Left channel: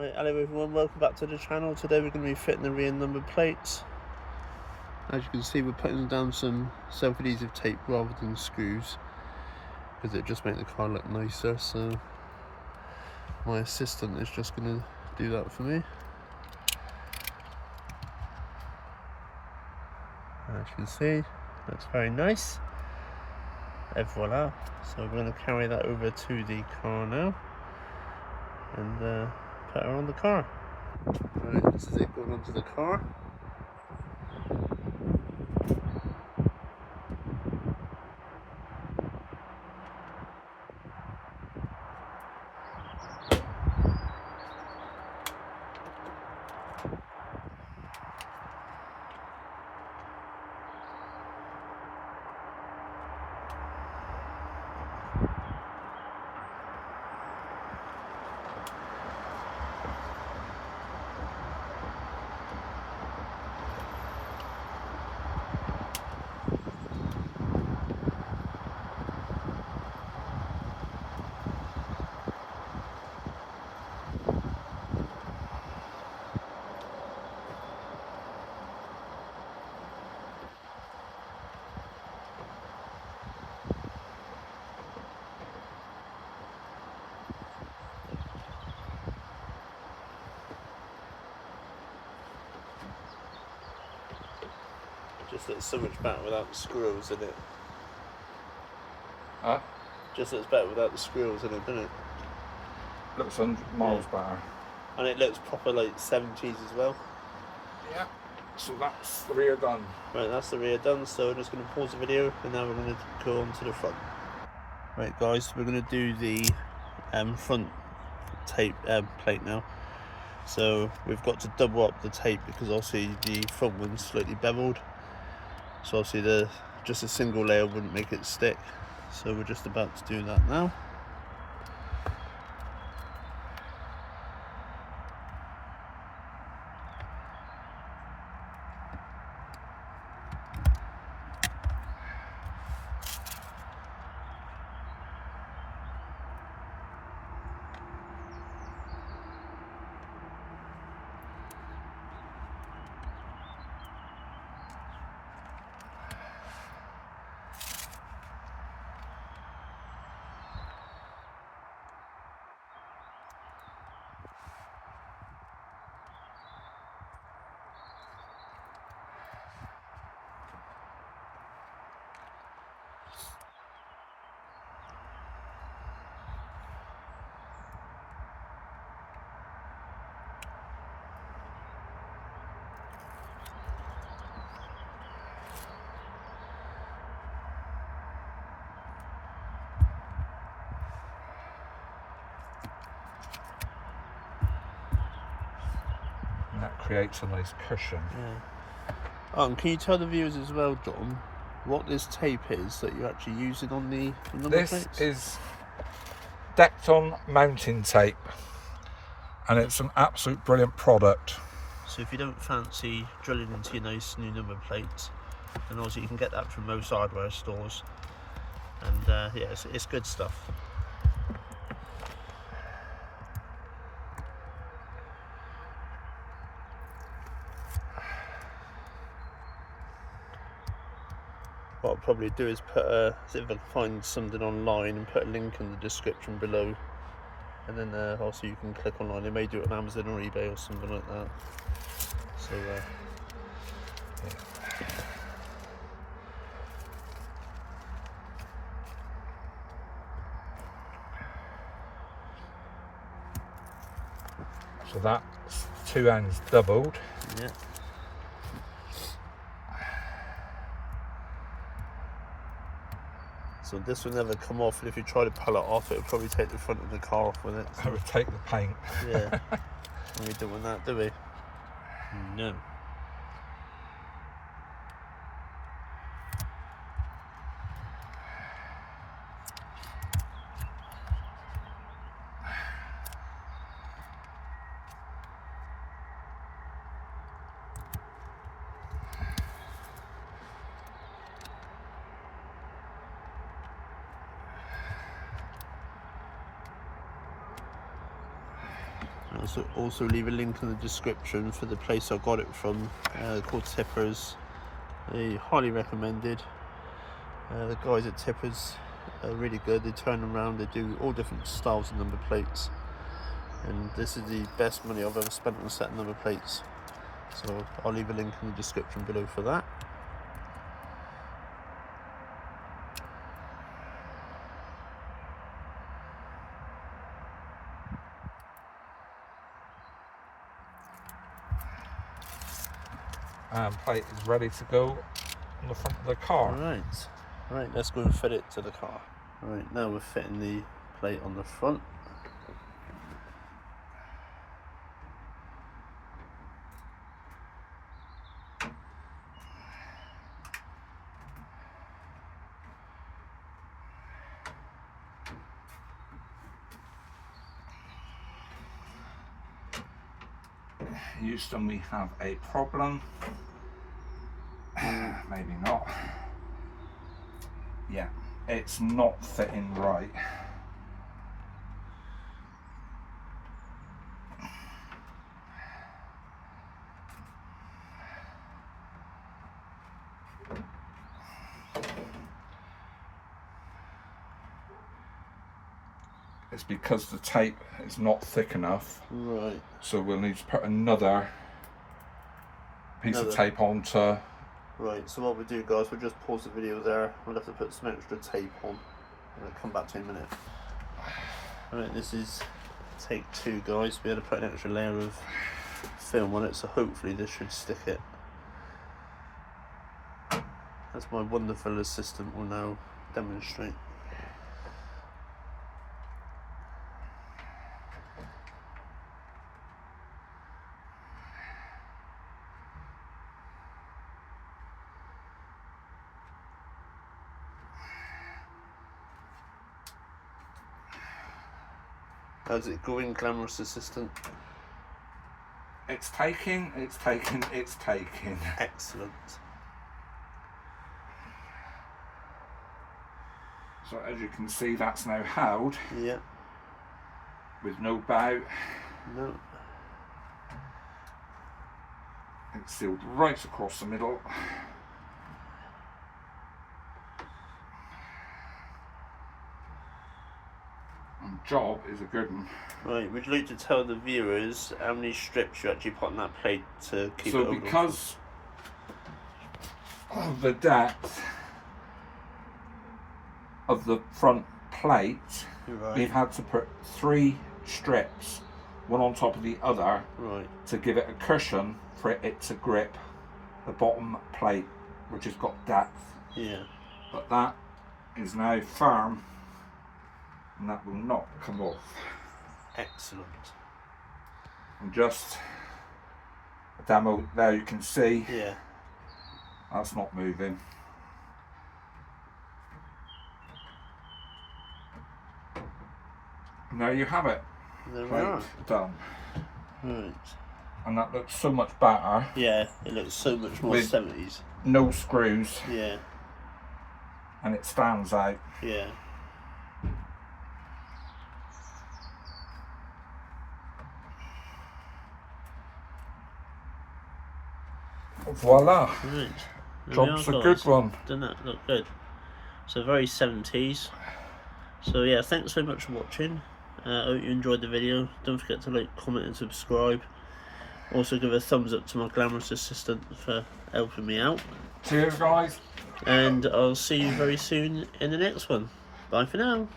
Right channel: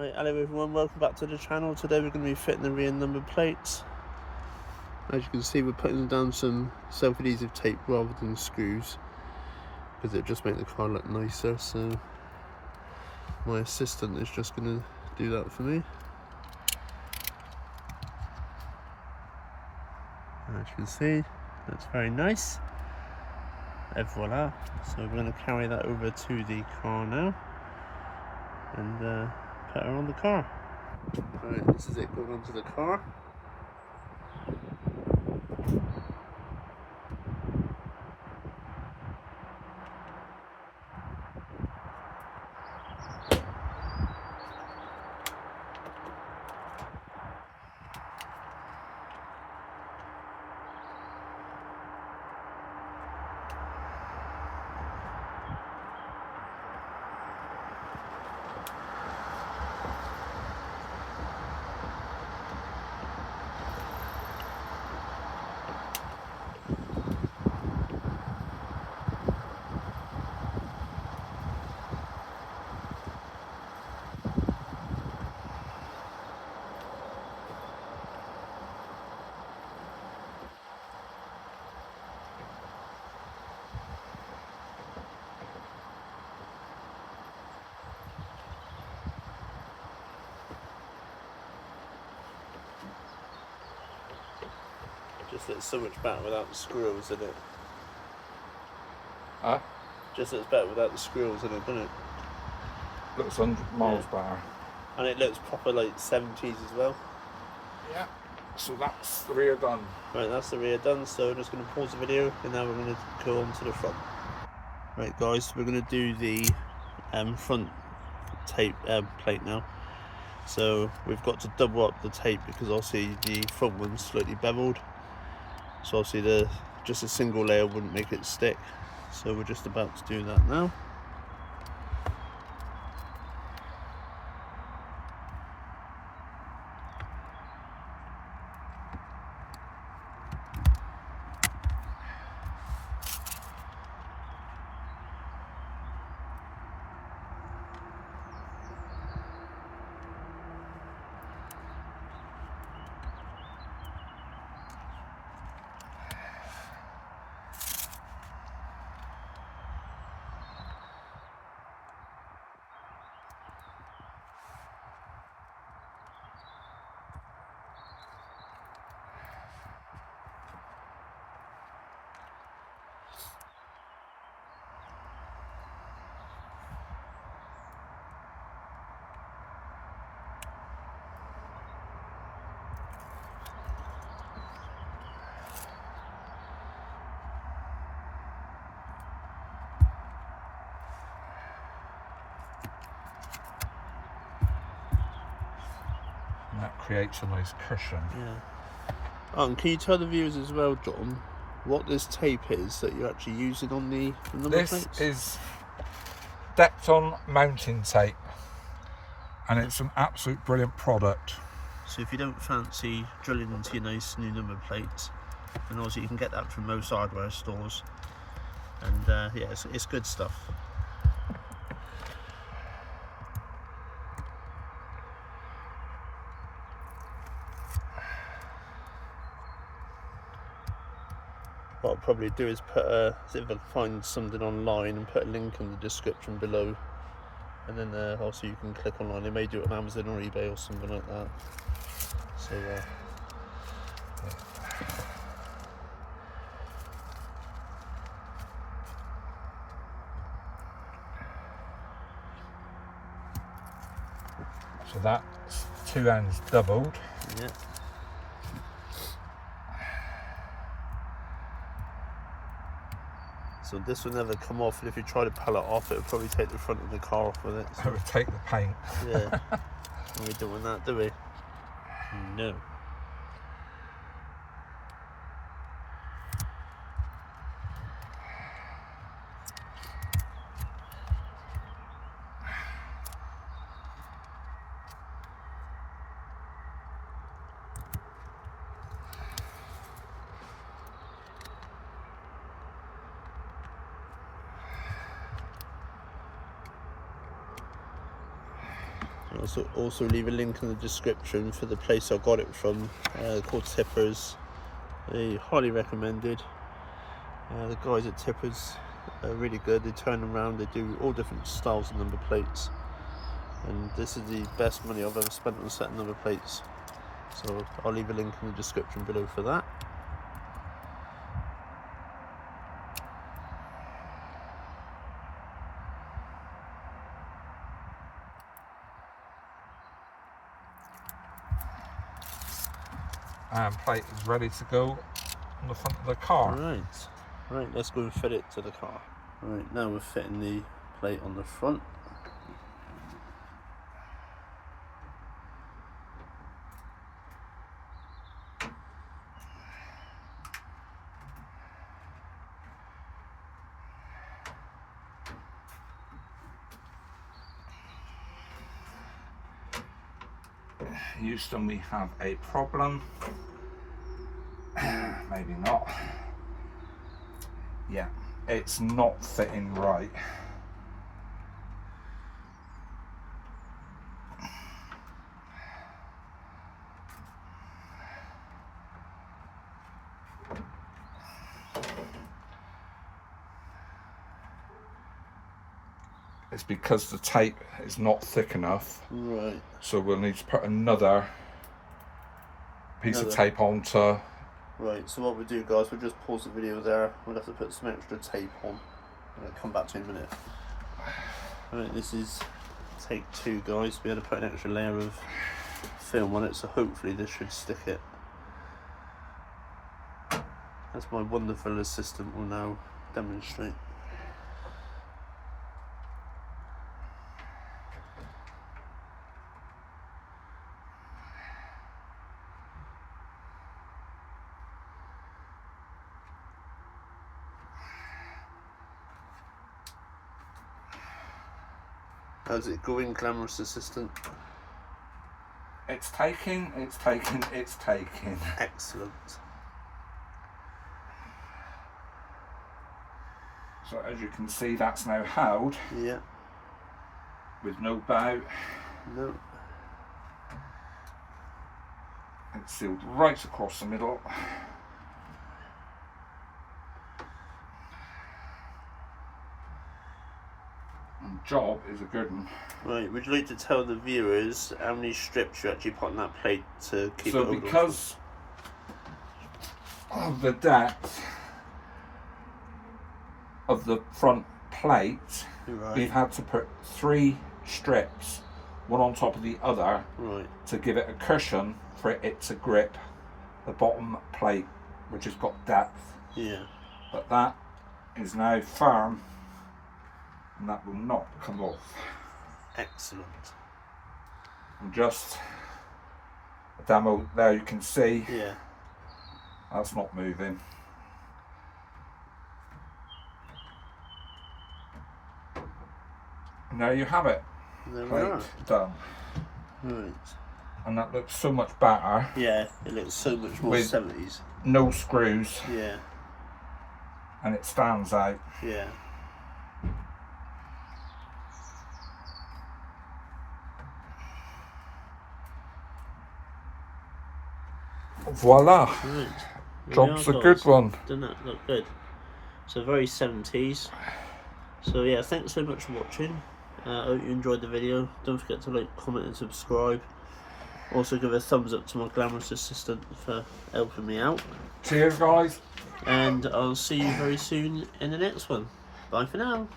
Right, hello everyone, welcome back to the channel. Today we're going to be fitting the rear number plates. As you can see, we're putting down some self-adhesive tape rather than screws because it just makes the car look nicer. So my assistant is just going to do that for me. As you can see, that's very nice. Et voila. So we're going to carry that over to the car now and put her on the car. Right, this is it going onto the car. Just looks so much better without the squirrels in it. Huh? Just looks better without the squirrels in it, doesn't it? Looks 100 miles better. And it looks proper like 70s as well. Yeah. So that's the rear done. Right, that's the rear done, so we're just going to pause the video and now we're going to go on to the front. Right guys, we're going to do the front tape plate now. So we've got to double up the tape because obviously the front one's slightly beveled. So obviously just a single layer wouldn't make it stick. So we're just about to do that now. And that creates a nice cushion. Yeah. Oh, and can you tell the viewers as well, John, what this tape is that you're actually using on the number plates? This is Dekton mounting tape, and it's an absolute brilliant product. So if you don't fancy drilling into your nice new number plates, then obviously you can get that from most hardware stores. And yeah, it's good stuff. What I'll probably do is put see if I can find something online and put a link in the description below, and then also you can click online. They may do it on Amazon or eBay or something like that. So So that's two ends doubled. yeah. So this will never come off, and if you try to pull it off, it'll probably take the front of the car off with it. I So would take the paint. yeah, and we don't want that, do we? No. Also leave a link in the description for the place I got it from, called Tippers. They highly recommended. The guys at Tippers are really good. They turn around, they do all different styles of number plates, and this is the best money I've ever spent on a set of number plates. So I'll leave a link in the description below for that. And plate is ready to go on the front of the car. Right, let's go and fit it to the car. Right, now we're fitting the plate on the front. Houston, we have a problem. Maybe not. Yeah, it's not fitting right. It's because the tape is not thick enough. Right. So we'll need to put another piece of tape onto. Right, so what we'll do, guys, we'll just pause the video there. We'll have to put some extra tape on. I'll come back to you in a minute. Right, this is take 2, guys. We had to put an extra layer of film on it, so hopefully this should stick it. As my wonderful assistant will now demonstrate. How's it going, glamorous assistant? It's taking. Excellent. So as you can see, that's now held. Yeah. With no bow. No. It's sealed right across the middle. Job is a good one. Right, would you like to tell the viewers how many strips you actually put on that plate to keep it So over? because of the depth of the front plate, right, we've had to put 3 strips, one on top of the other, right, to give it a cushion for it to grip the bottom plate, which has got depth. Yeah. But that is now firm, and that will not come off. Excellent. And just a demo there, you can see. Yeah. That's not moving. And there you have it. There we Plate are. done. Right. And that looks so much better. Yeah, it looks so much more With 70s. No screws. Yeah. And it stands out. Yeah. Voila. Right. Job's a good one. Doesn't that look good? So very 70s. So yeah, thanks so much for watching. I hope you enjoyed the video. Don't forget to like, comment and subscribe. Also give a thumbs up to my glamorous assistant for helping me out. Cheers guys. And I'll see you very soon in the next one. Bye for now.